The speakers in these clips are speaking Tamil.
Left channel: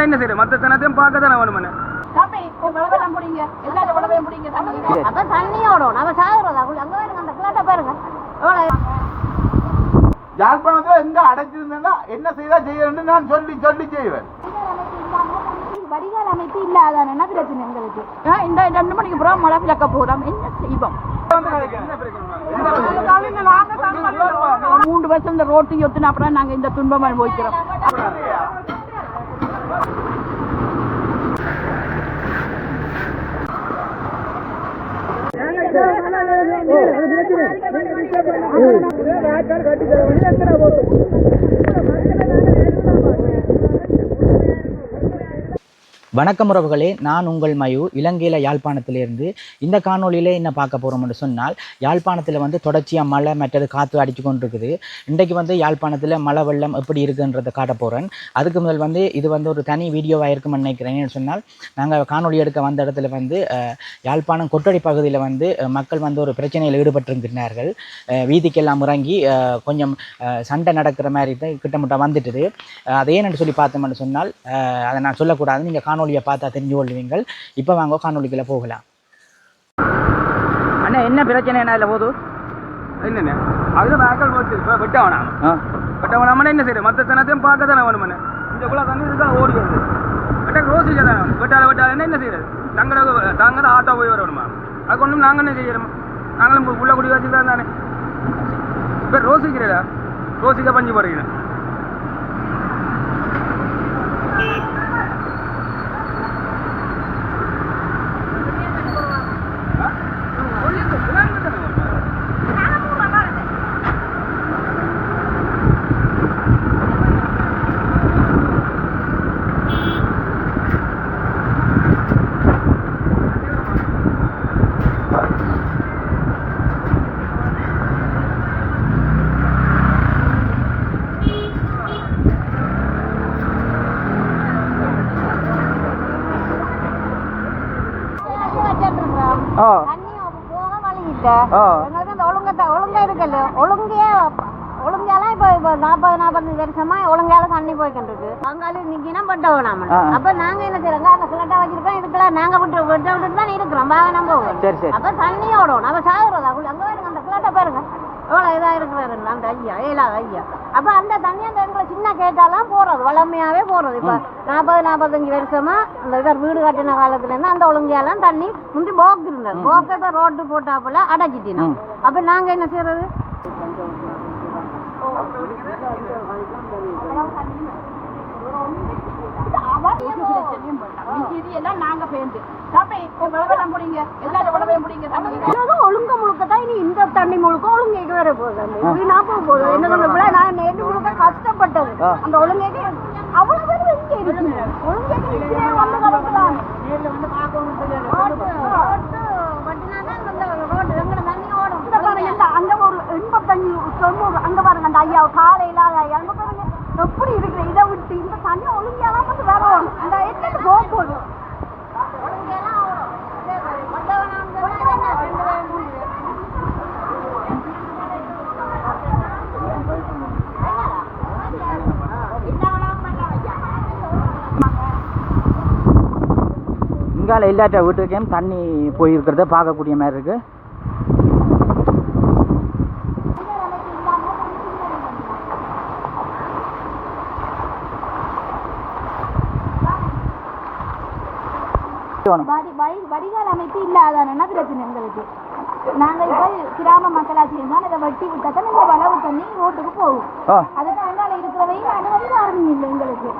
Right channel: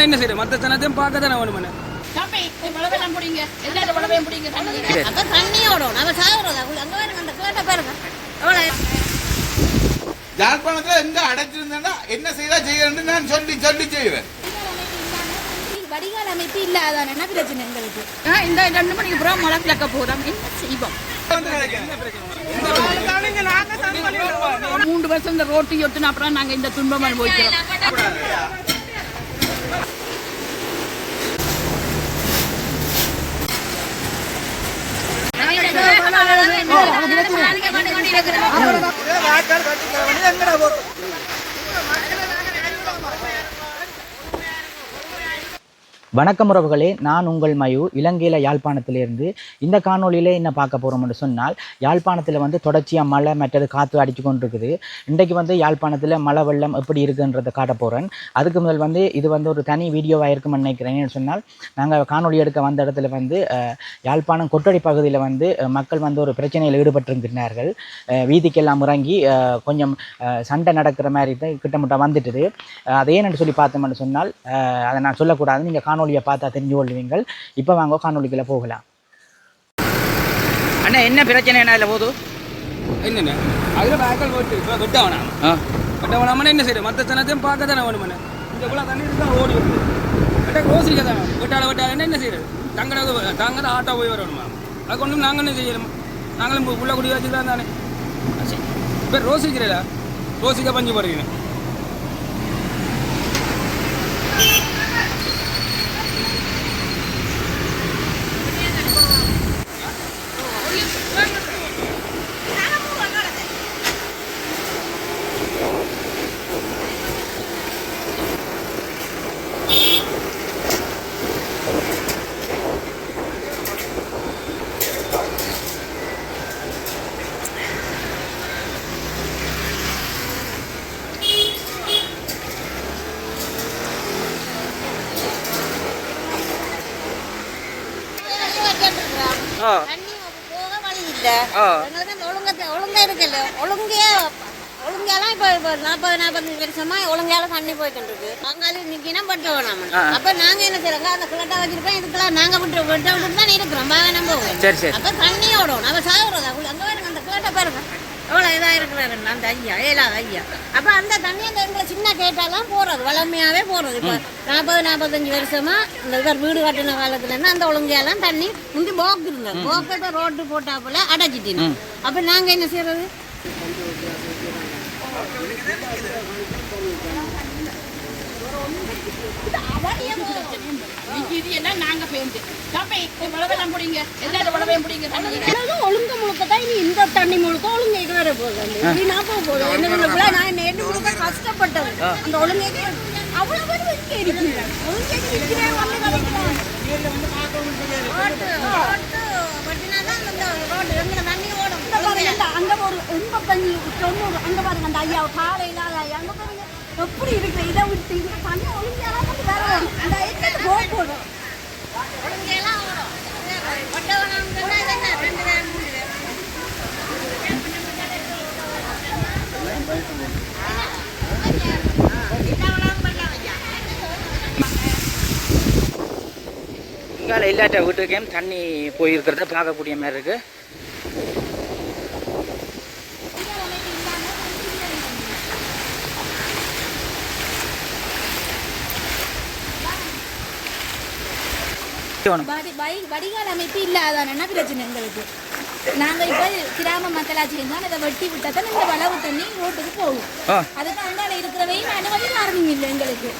என்ன செய்யறது மற்ற சனத்தையும் பார்க்க தானே எவ்வளவு? யாழ்ப்பாணத்துல எங்க அடைச்சிருந்தேன்னா என்ன செய்தா செய்யறேன்னு நான் சொல்லி சொல்லி செய்வேன். வடிகால் அமைப்பு இல்லாதான்? என்ன பிரச்சனை எங்களுக்கு? ஆ, இந்த ரெண்டு மணிக்கு அப்புறம் மழை விளக்க போறோம் என்ன செய்வோம்? மூன்று வருஷம் இந்த ரோட்டு ஒத்துன அப்புறம் நாங்க இந்த துன்பம் அனுபவிக்கிறோம். வணக்கம் உறவுகளே நான் உங்கள் மயு இலங்கையில் யாழ்ப்பாணத்திலிருந்து. இந்த காணொளியிலே என்ன பார்க்க போகிறோம்னு சொன்னால் யாழ்ப்பாணத்தில் வந்து தொடர்ச்சியாக மழை மற்றது காற்று அடித்து கொண்டிருக்குது. இன்றைக்கு வந்து யாழ்ப்பாணத்தில் மழை வெள்ளம் எப்படி இருக்குன்றதை காட்ட போகிறேன் அதுக்கு முதல் வந்து இது வந்து ஒரு தனி வீடியோவாக இருக்கும்னு நினைக்கிறேன் சொன்னால் நாங்கள் காணொளி எடுக்க வந்த இடத்துல வந்து யாழ்ப்பாணம் கொட்டடி பகுதியில் வந்து மக்கள் வந்து ஒரு பிரச்சனையில் ஈடுபட்டிருக்கிறார்கள் வீதிக்கெல்லாம் இறங்கி கொஞ்சம் சண்டை நடக்கிற மாதிரி தான் கிட்டமுட்ட வந்துட்டுது. அஹ், என்று ஏன்னு சொல்லி பார்த்தோம்னு சொன்னால் அதை நான் சொல்லக்கூடாது நீங்கள் காணொலியை பார்த்தா தெரிஞ்சு கொள்வீங்கள் இப்போ வாங்க காணொலிக்குள்ளே போகலாம். அண்ணா என்ன பிரச்சனை என்ன இதில் போதும் என்னண்ணே? அதில் வேக்கல் போட்டு இப்போ வெட்ட வேணாம். வெட்ட வேணாமண்ணே என்ன செய்யறது மற்ற சனத்தையும் பார்க்க தானே வேணுமண்ணே? இந்த குள்ள தண்ணி இருக்கா ஓடி வருது. வெட்ட இருக்கா தானே வெட்டால வெட்டால என்ன செய்யறது தங்கட தாங்க தான் ஆட்டோ போய் வரணுமா? அதுக்கு ஒன்றும் நாங்கள் என்ன செய்யணுமா? நாங்களும் உள்ள குடி வச்சுக்கலாம் தானே. இப்போ ரோஸ் இருக்கிறதா ரோஸிக்கா பஞ்சு போடுறீங்க தண்ணி போக வழி இல்ல. எங்களுக்கு அந்த ஒழுங்க ஒழுங்கா இருக்குல்ல. ஒழுங்கே ஒழுங்காலாம் இப்போ இப்போ நாற்பது நாற்பத்தஞ்சு வருஷமா ஒழுங்கால தண்ணி போய்கிட்டு இருக்கு அங்கால நிக்கினா பட்ட வேணாம். அப்ப நாங்க என்ன செய்யறோங்க அந்த கிளட்டா வச்சிருக்கோம் இதுக்கெல்லாம் நாங்க விட்டு விட்டு விட்டு தான் இருக்கிறோம் சரி சரி. அப்ப நம்ம சாகுறதா அங்க பாருங்க அந்த கிளட்டை பாருங்க. எவ்வளோ இதாக இருக்கிறாங்க அந்த ஐயா ஏழாவது ஐயா அப்போ அந்த தண்ணி அந்த எங்களை சின்ன கேட்டாலாம் போகிறது வளமையாகவே போகிறது இப்போ நாற்பது நாற்பத்தஞ்சு வருஷமா இந்த இவர் வீடு கட்டின காலத்துலேருந்து அந்த ஒழுங்கையெல்லாம் தண்ணி முந்தி போக்கு இருந்தது. போக்கு இப்போ ரோட்டு போட்டாப்புல அடைச்சிட்டினோம் அப்போ நாங்கள் என்ன செய்யறது இது எல்லாம் நாங்க பேருந்து தம்பி, போய் உழவெல்லாம் பிடிங்க. எல்லாரும் உழவையும் பிடிங்க, தண்ணி. அதாவது ஒழுங்க முழுக்க தான் இனி இந்த தண்ணி முழுக்க ஒழுங்கு இது வர போகுது. என்ன முழுக்க நான் நேற்று முழுக்க கஷ்டப்பட்டது. அந்த ஒழுங்கைக்கு அவ்வளோ பேர் இங்கே இருக்கிறாங்க. ஒழுங்கைக்கு இருக்கிறேன் வந்து கலைக்கிறாங்க அங்க ஒரு எண்பத்தஞ்சு தொண்ணூறு அங்க பாருங்க அந்த ஐயா காலையில அங்க பாருங்க. எப்படி இருக்கு இதை விட்டு இந்த தண்ணி ஒழுங்கையெல்லாம் வந்து வேற வரும். அந்த எத்தனை போக போடும் இங்கால இல்லாட்ட வீட்டுக்கேம் தண்ணி போயிருக்கிறத பார்க்கக்கூடிய மாதிரி இருக்கு. வடி- வடிகால் அமைப்பு இல்லாதான்? பிரச்சனை எங்களுக்கு? நாங்க இப்ப கிராம மக்களாட்சி இருந்தால் இதை வெட்டி விட்டா தான் இந்த வளவு தண்ணி ரோட்டுக்கு போகும். அதுக்கு அங்கால இருக்கிறவையும் அனுமதி யாருக்கும் இல்லை எங்களுக்கு.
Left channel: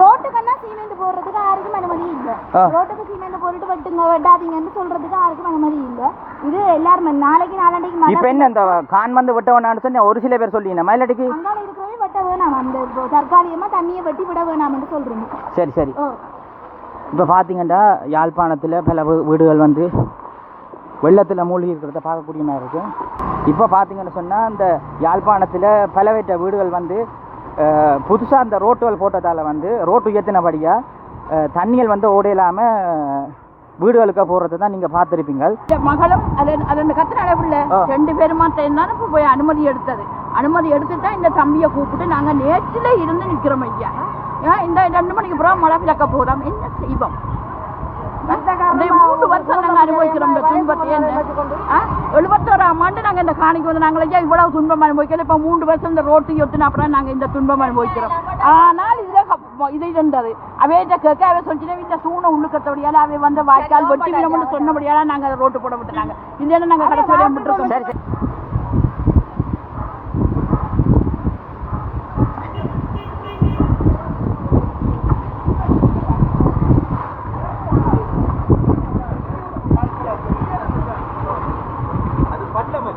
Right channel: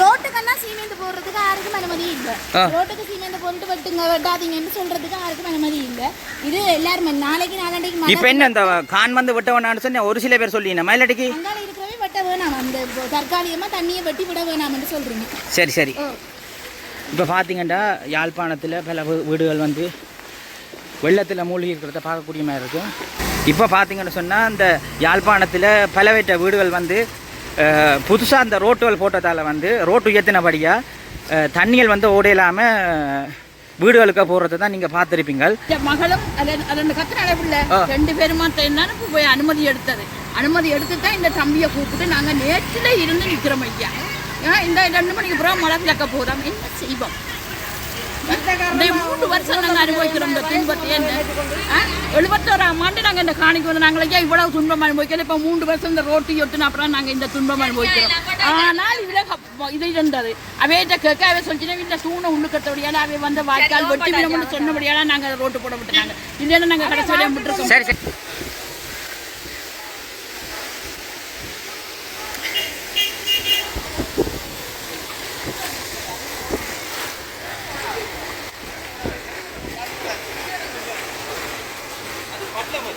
ரோட்டுக்கெல்லாம் சீமெண்ட் போடுறதுக்கு யாருக்கும் அனுமதி இல்லை. ரோட்டுக்கு சீமெண்ட் போட்டுட்டு வெட்டுங்க வெட்டாதீங்கன்னு சொல்றதுக்கு யாருக்கும் அனுமதி இல்லை. இது எல்லாருமே நாளைக்கு நாளாண்டைக்கு இப்போ என்ன இந்த கான் வந்து வெட்ட வேணாம்னு சொன்ன ஒரு சில பேர் சொல்லிங்க மயிலடிக்கு அங்கால இருக்கிறவே வெட்ட வேணாம். அந்த தற்காலிகமா தண்ணியை வெட்டி விட வேணாம்னு சொல்றீங்க. சரி சரி. இப்போ பார்த்தீங்கன்னா யாழ்ப்பாணத்தில் பல வீடுகள் வந்து வெள்ளத்தில் மூழ்கி இருக்கிறத பார்க்கக்கூடிய மாதிரி இருக்கும் இப்போ பார்த்தீங்கன்னு சொன்னால் இந்த யாழ்ப்பாணத்தில் பலவேற்ற வீடுகள் வந்து புதுசாக அந்த ரோட்டுகள் போட்டதால் வந்து ரோட்டு உயர்த்தினபடியாக தண்ணிகள் வந்து ஓடையில்லாமல் வீடுகளுக்கு போகிறத தான் நீங்கள் பார்த்துருப்பீங்க என் மகளும் அது அது அந்த கத்திர பிள்ளை ரெண்டு பேருமா இப்போ போய் அனுமதி எடுத்தது. அனுமதி எடுத்து தான் இந்த தம்பியை கூப்பிட்டு நாங்கள் நேற்றில் இருந்து நிற்கிறோம் ஐயா. இந்த ரெண்டு மணிக்கு அப்புறம் மழை விளக்க போதாம் என்ன செய்வோம் இந்த மூன்று வருஷம் நாங்கள் அனுபவிக்கிறோம் இந்த துன்பத்தை என்ன எழுபத்தோராம் ஆண்டு நாங்கள் இந்த காணிக்கு வந்து நாங்கள் ஐயா இவ்வளவு துன்பம் அனுபவிக்கிறோம் இப்போ மூன்று வருஷம் இந்த ரோட்டு ஒட்டுன அப்புறம் நாங்கள் இந்த துன்பம் அனுபவிக்கிறோம் ஆனால் இவ்வளோ இது இருந்தது அவையிட்ட கேட்க அவை சொல்லிச்சுன்னா இந்த தூணை உள்ளுக்கத்தபடியால் அவை வந்து வாய்க்கால் வெட்டி விடணும்னு சொன்னபடியால் நாங்கள் அதை ரோட்டு போட விட்டுனாங்க இல்லைன்னா நாங்கள் கடைசி வரையும்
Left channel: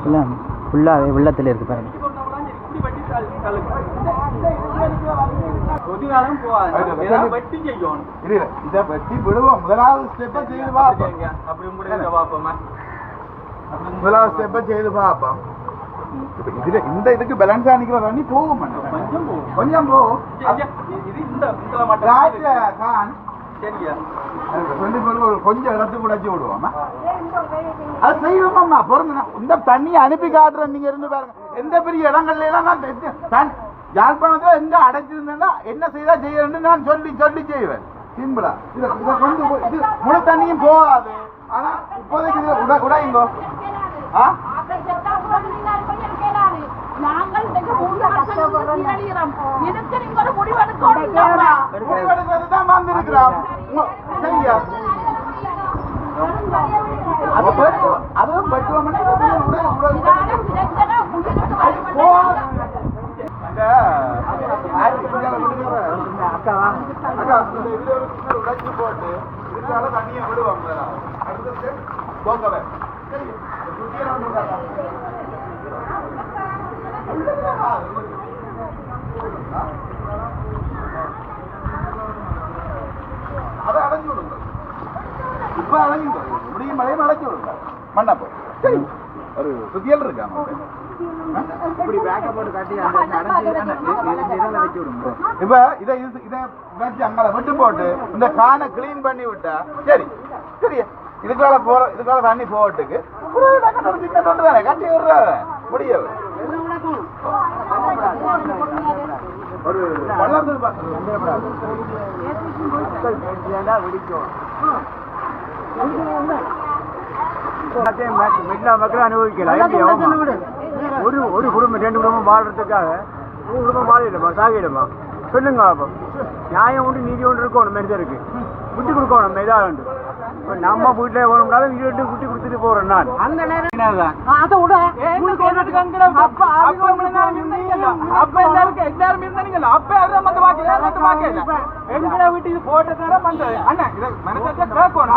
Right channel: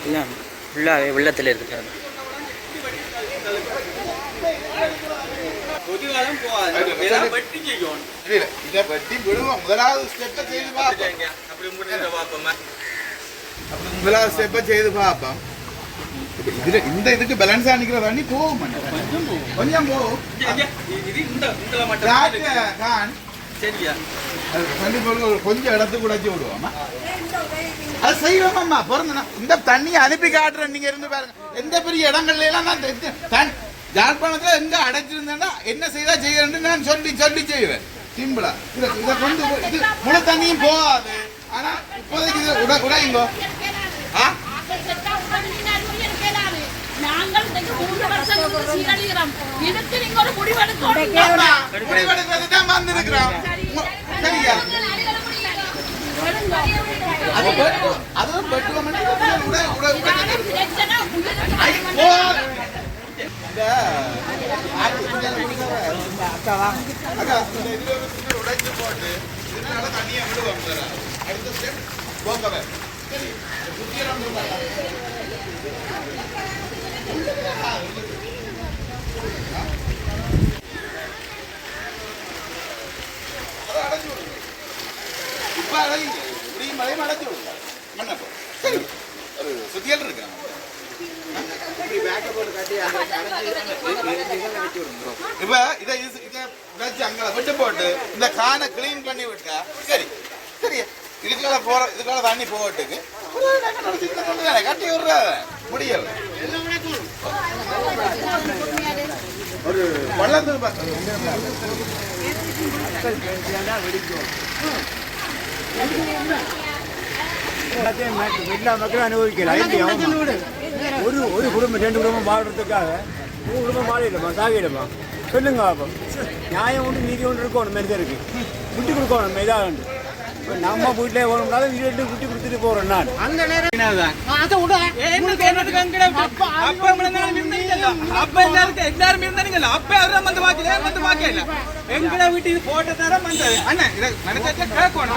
இல்லை ஃபுல்லாகவே வெள்ளத்தில் இருக்கு பாருங்க. கொதிகாலம் முதலாவது ஸ்டெப்பை செய்து பார்ப்போம். அப்படி முடிஞ்ச பார்ப்போமா? முதலாவது ஸ்டெப்பை செய்து பார்ப்போம். இதுல இந்த இதுக்கு பேலன்ஸா நிக்கிற தண்ணி போகும். கொஞ்சம் போகும். இது இந்த இந்த மட்டும் ராஜா கான் சரியா அது ரெண்டு பேரும் ஒரு கொஞ்சம் இடத்துக்கு உடைச்சி விடுவோமா? அது செய்வோமாம்மா பிறந்தனா இந்த தண்ணியை அனுப்பி காட்டுறேன் நீங்கள் இருந்து பாருங்க. எந்த பெரிய இடங்கள்ல எல்லாம் நான் தெ- தன் யாழ்ப்பாணத்துல எங்கே அடைச்சிருந்தேன்னா என்ன செய்தா செய்யறேன்னு நான் சொல்லி சொல்லி செய்வேன். சிம்பிளா இதை இதை கொண்டு இது முழு தண்ணியும் போகாது. ஆனால் இப்போதைக்கு இது உட உடையுங்கோ. ஆ நாங்கள் இன்றைக்கு மூன்று வருஷம் சீரழிகிறோம் இதுக்கு நீங்க ஒரு முடிவெடுக்கணும் முடிவெடுக்கிறது தான் வந்திருக்கிறோம் சரியா அதுவும் பெட்டுவோம்னா அக்கா அக்கா இந்த இதுல உடைச்சு போட்டு இதனால தண்ணியை விடுவாங்க அடுத்த ஸ்டெப் போக்கவே சரி சுத்தியெல்லாம் அதை அடைஞ்சு விடுங்க இப்ப அடையுங்க இப்படியும் மழையும் அடைச்சு விடுங்க மண்ணப்போ சரி. ஒரு சுத்தியல் இருக்கா இப்ப இதை இஸ்- இதை வச்சு அங்கே விட்டு போட்டு இந்த கானை கிளீன் பண்ணி விட்டா சரி சரி இதுக்கால போற இதுக்கால தண்ணி போகட்டுக்கு கட்டி விடுற முடியல. ஒரு வள்ளத்தில் எல்லா மக்களும் அனுபவிக்கலாம். ஒரு ஒரு குடும்பம் ரெண்டு குடும்பம் வாழ்றதுக்காக மூணு குடும்பம் வாழிடுமா சாகிடுமா சொல்லுங்க அப்போ. நியாயம் உண்டு நீதி ஒன்று இருக்கணும் மனிதருக்கு. விட்டு கொடுக்கணும் இதாக உண்டு இப்போ நம்ம வீட்டிலே வேணும்னாலும் விட்டு கொடுத்துட்டு போகிறேன் நான் அந்த நேரம் என்னக்கு என்னத்துக்கு அங்கட அப்ப அப்ப முன்னாடி இருந்தீங்கல்ல அப்ப எல்லாரும் எல்லாரும் இருந்தீங்கல்ல அப்ப யாரும் வந்து பாக்கல வந்து பாக்கல எங்கட வீட்டுக்கு போட்ட தர வந்தது அண்ணா இத மனசாச்சா கேட்கணும்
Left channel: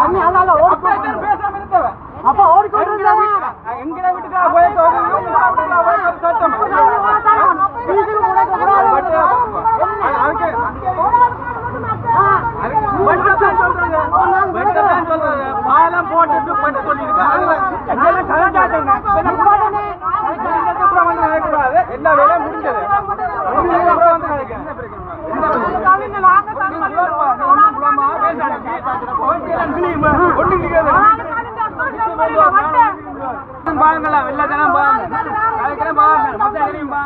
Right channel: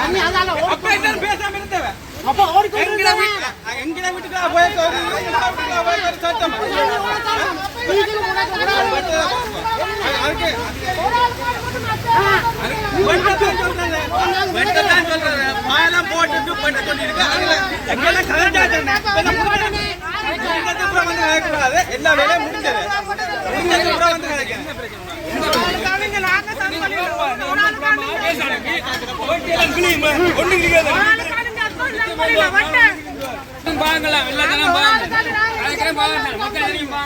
அப்ப எல்லாரும் பேசாம இருந்தவ அப்ப வீட்டுக்கு போய் அதுக்கு பாலம் போட்டுட்டு பட்டு கொண்டிருக்கு வந்து எல்லா வேலையும் முடிஞ்சது. முடிஞ்சதுக்கு வந்து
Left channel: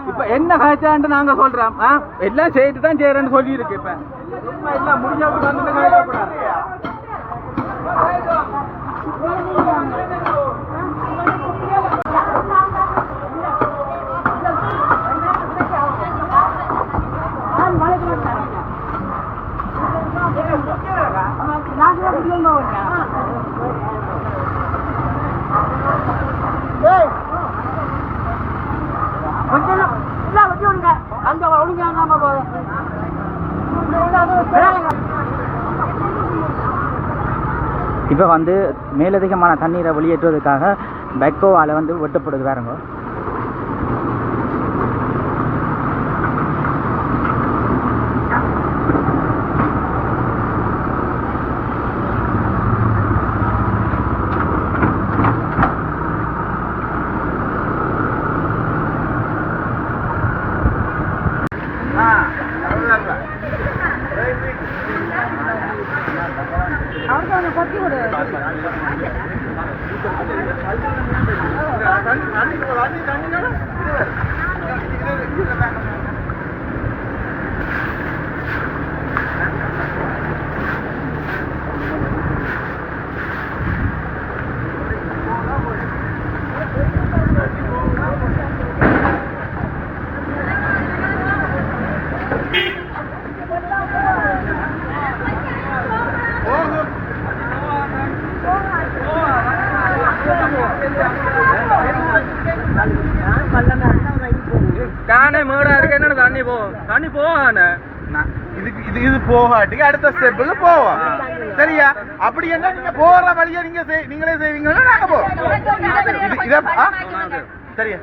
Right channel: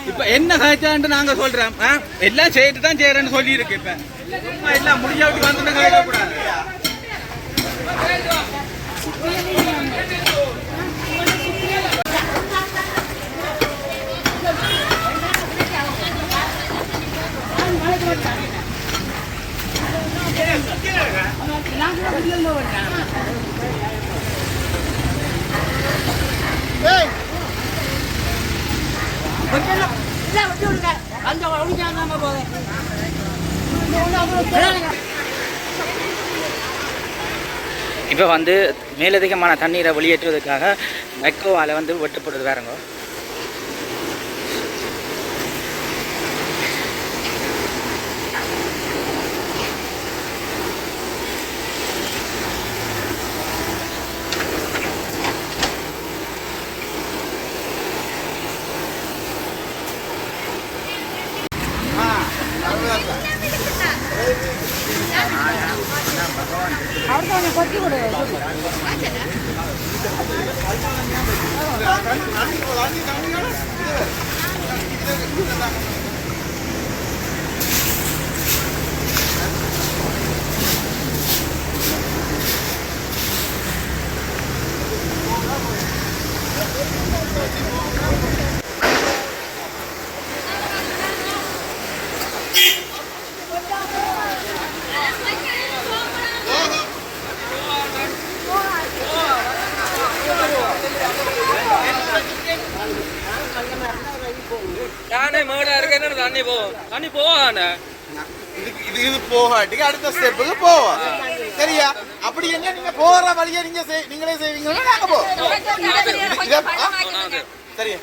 இப்ப என்ன காய்ச்சான்ட்டு நாங்க சொல்றோம் ஆ? எல்லாம் செய்துட்டு தான் செய்யறேன்னு சொல்லி இருக்கு இப்ப. சும்மா எல்லாம் அந்த வந்து கேட்கக்கூடாது இப்போ வந்து மேலதிகமான தண்ணீரை வெளியேற்றுவதற்காக பெக்கோவால் வந்து வெட்டப்படுது வேறங்க ஆ தண்ணி தண்ணி தண்ணி தண்ணி கடை இது வேறு இது இது தாங்க காணே மேடா இருக்கு என்னடா தண்ணி போ நான் இதுக்கு இது இது போகாட்டி அடுத்த ஸ்டெப்புக்கு போவோம். சரியா? அப்படி என்ன நீங்க போற வழியை நீங்க செய்- நீங்களே செய்வீங்களா? நாங்க போ. இது இத? சரியா?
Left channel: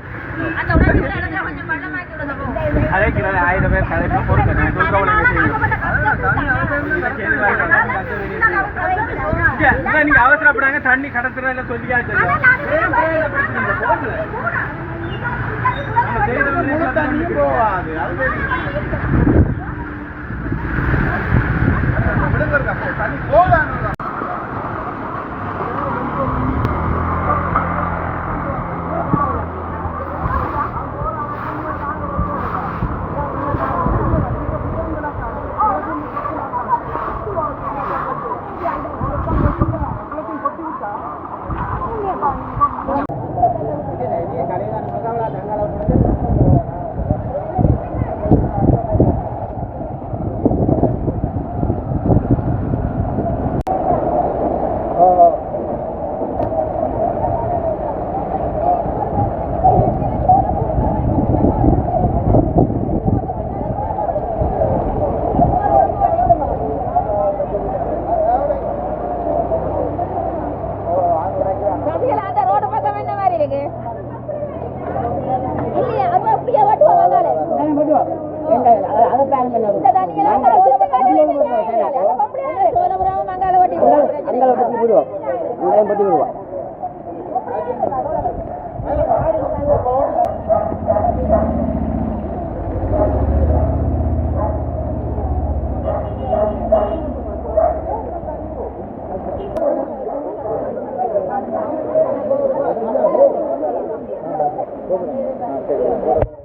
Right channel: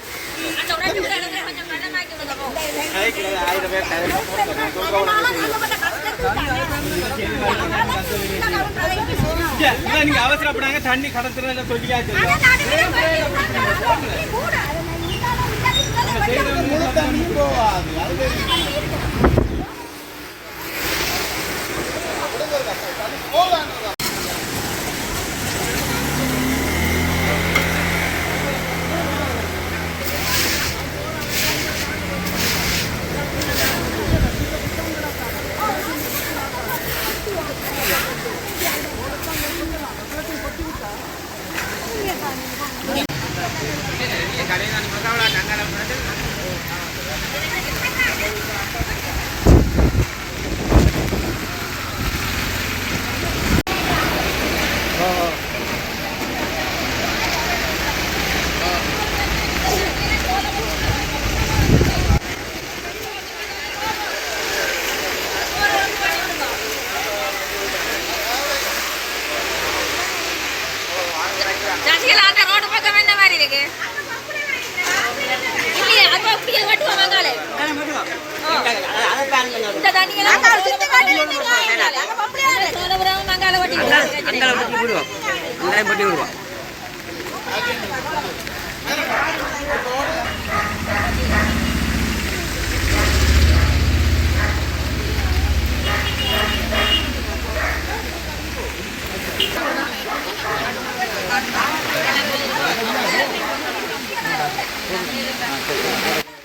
ஆயிரம் பேர் கதையெல்லாம் போடுங்க நான் நீங்க அவசரப்படாங்க. தண்ணி கடத்துறதுல சொல்லியாச்சு முழு தண்ணி போகாது. அது தெரியும். விடுங்க இருக்கா, போ, தண்ணி போகாது சசிகலா அந்த ரோடு பக்கம் என்ன மாதிரி இருக்கு இல்லையா அது அப்படியே அங்கே பட்டி விடுவோம் Thank you.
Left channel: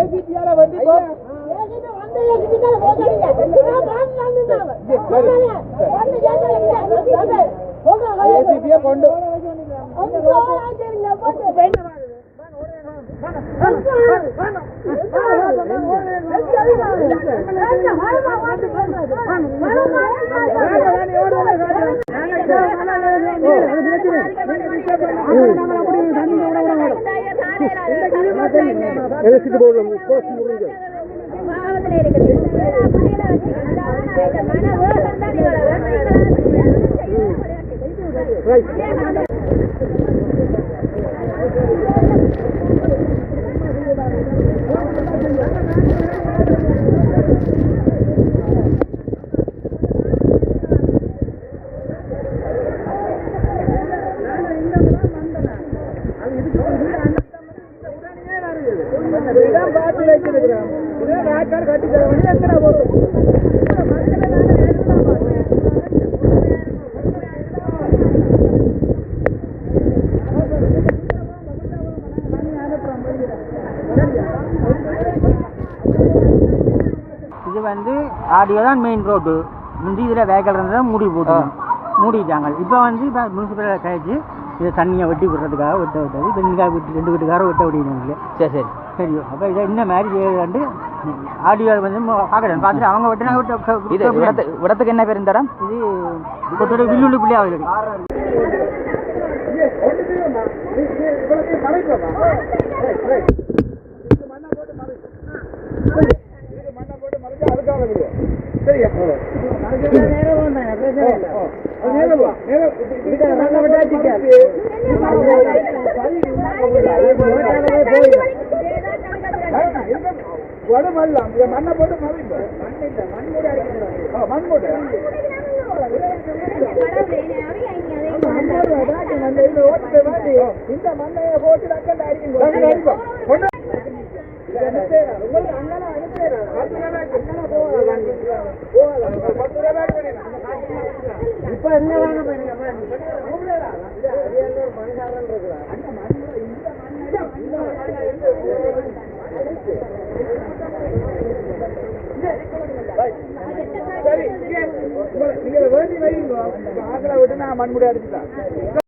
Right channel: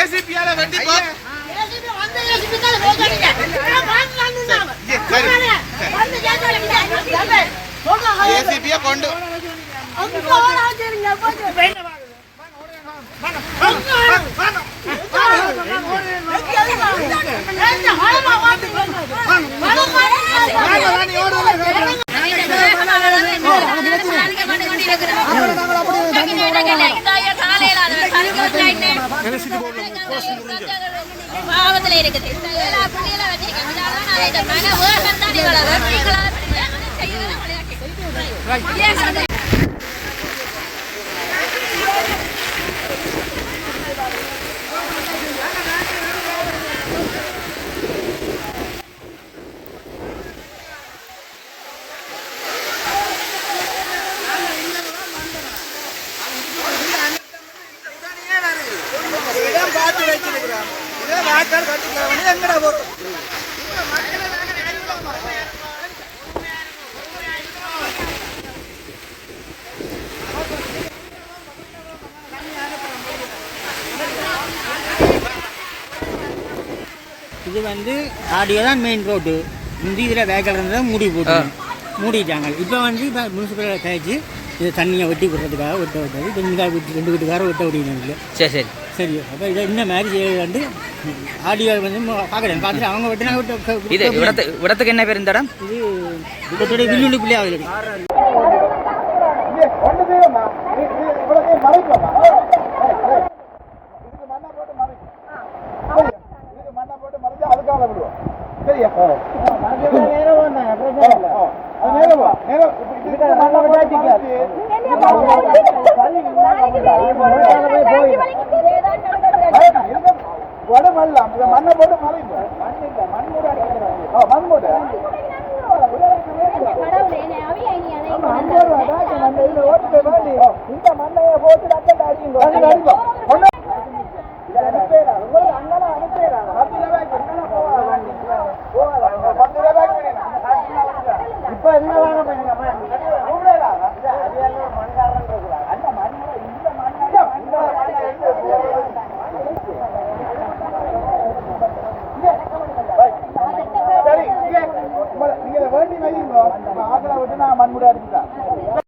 ஏசிபியால வண்டி போ ஏசிபியா கொண்டு பாவத்துல இருக்குது எல்லா புள்ளியெல்லாம் வச்சிருக்கேன் இதால நான் இதை மன வேகம் தான் இவ்வளவு நீங்களா செய்யலாம் இது வந்து ஆடியோ தான் மெயின் ரோடு முந்தி இதில் வேக்கல் இருந்தால் மூடி போட்டு மூடிட்டாங்க. இப்போ வந்து இப்போ முனிசிபலில் கழிச்சு இதை தண்ணியை வெட்டி விடுறதுக்காக வெட்ட விட்டது. இப்போ இங்கே வெட்டி ரெண்டு வீட்டுக்காரர் வெட்ட விடுங்க சரி சரி. சரி அப்போ இதை இந்த மாதிரி செய்யலாண்டு ஆடியோ வந்து பார்க்குறேன் பார்த்துட்டு அவங்க வெட்டினா விட்டு இது இடத்து இடத்துக்கு என்ன பேர் இந்த இடம்? இது கொத்தோட வில்லுள்ளி பிள்ளையாவது மண்ணை போட்டு அதுக்காக விடுவோம். சரியா? இப்ப இதுக்கு மண்ணை போட்டு மறைச்சு, வேண்டாம், இருங்க. வடு மல்லாம். இதை மண்ணை போட்டு மறைப்போம். மண் இல்லை, மண் மூடி இந்த மண்ணையை போட்டு ரத்தத்தை அடிக்கும் இப்ப என்ன வாங்க சரி நீங்க வேண்டி வைங்க ஆக்களை விட்டு நான் மண்முடியா அடிச்சுட்டேன்.